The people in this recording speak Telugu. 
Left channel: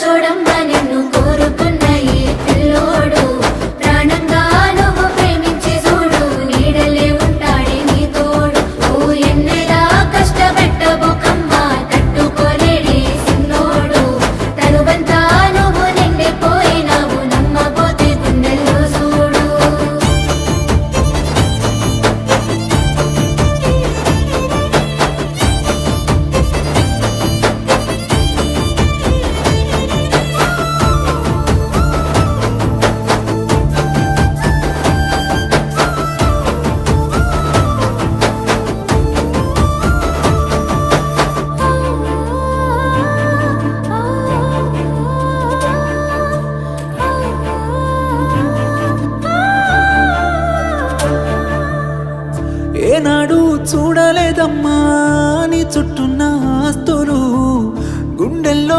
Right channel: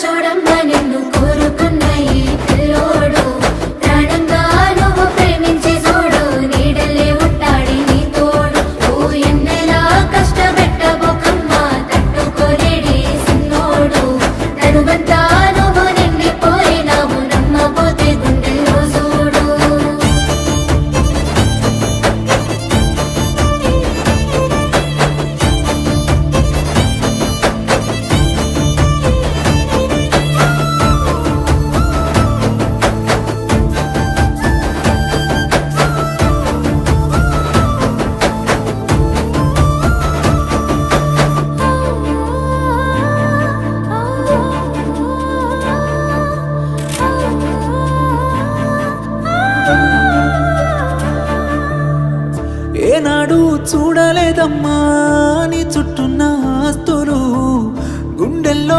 చూడమ్మా నిన్ను కోరుకున్న ఈ పిల్లోడు ప్రాణంగా నువ్వు ప్రేమించే చూడు నీడలే ఉంటాడే నీ తోడు ఓ ఎన్నెలా కష్టపెట్టబోకమ్మా తట్టుకోలేడి సిన్నోడు తనువంతా నువ్వు నిండిపోయినావు నమ్మపోతే గుండెల్లో చూడు ఏనాడు చూడలేదమ్మా నీ చుట్టూన్న ఆస్తులు గుండెల్లో